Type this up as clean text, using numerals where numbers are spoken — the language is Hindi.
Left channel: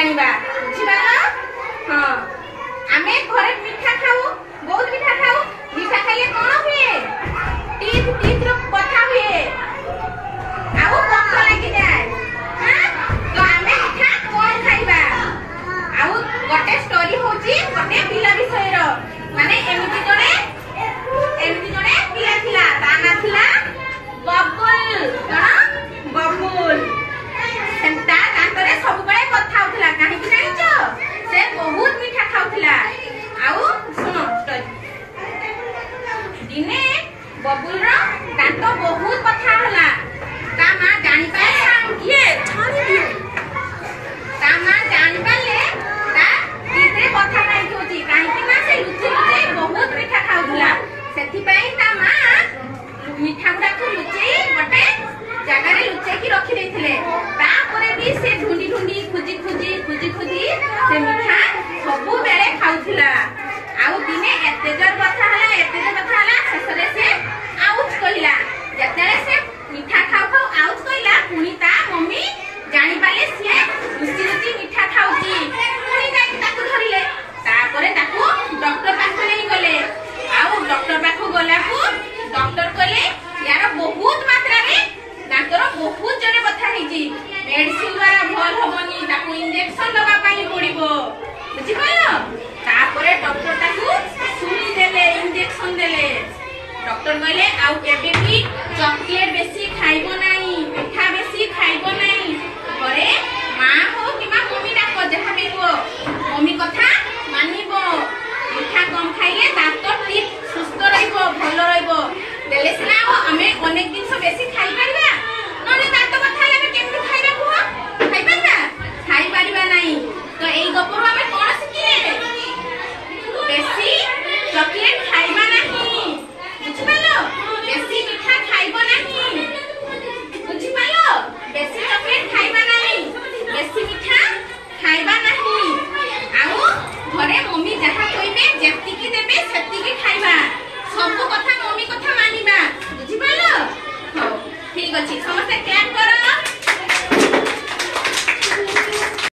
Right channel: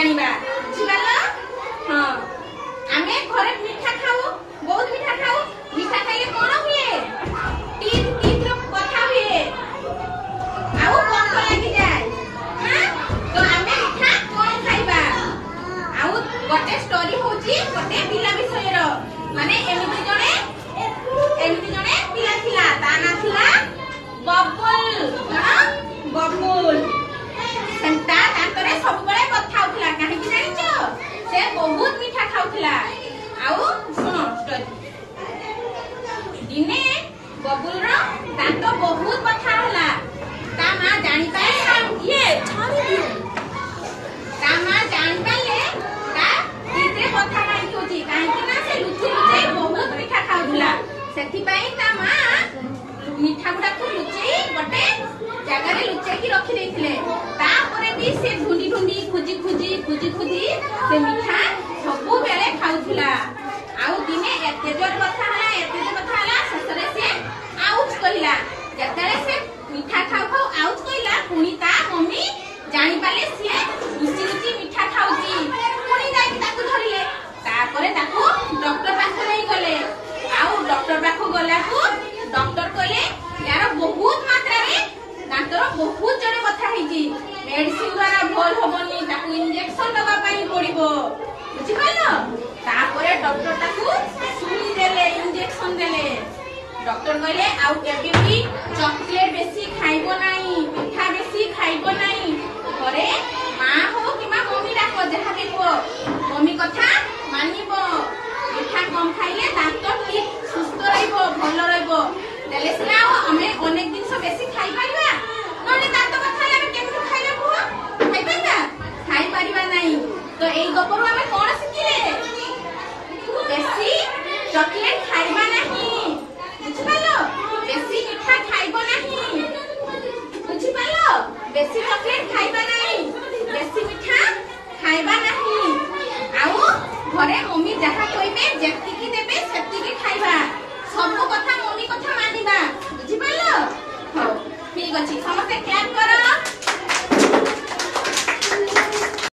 जानिबा बुझिबाला। हां आमे घरे मीठा खाऊ, बहुत मीठा खाऊ। मीठा खाइले कोन हुए? टीथ रो कथा हुए आउ भूख लागि जाय। हां तो आमे मीठा कोन खाइबा? आउ गोटे स्टोरी होची गोटे पिला विषय रो, माने एमिति जणे पिला थिला, ता ना थिला बबुल। कोन बबुल सेंटा तांतरे सब बळे कथा होतला। काहे कि जानिचो से बहुत मीठा खाउतला। आउ सुनो स्टोरी। दिने बबुल रो दांत बहुत कथा होला। ता मां जानि पाए ये ता मां जानि पाले ता किते कथा खाइ होची। काहे कि ना से लुचि लुचि बहुत मीठा खाउतला। सेथि पाई ता मां मीठा गुडा को लुचि गोटे जगह रे लुचि की रखि देथिले। तापरे भी से ढूंढी ढूंढी खुजी से मीठा सबु बेले खाउथिला। आउ दिने एते जर कथा हला ससरे से आउच कहिला। जतरे से मीठा खाउ आउच कहिला पुनी ता मम्मी जानि पाले से लुचि मीठा खाउची। पुनी जाई ताकू धरिले। तापरे ताकू डॉक्टर पाखो नै गले। आउ डॉक्टर पाखो गलाकू डॉक्टर कहले यार बहुत मात्रा रे दांतर बहुत जरे बथा हेजी, मेडिसिन द्वारा भल होबनी, ताकू इंजेक्शन लगा पाई पड़िबो। बुझि पाइलो? तापरे डॉक्टर ताकू सुई देले, इंजेक्शन देले। डॉक्टर कहले आउ केबे भी चॉकलेट बेसी खाइबो ना,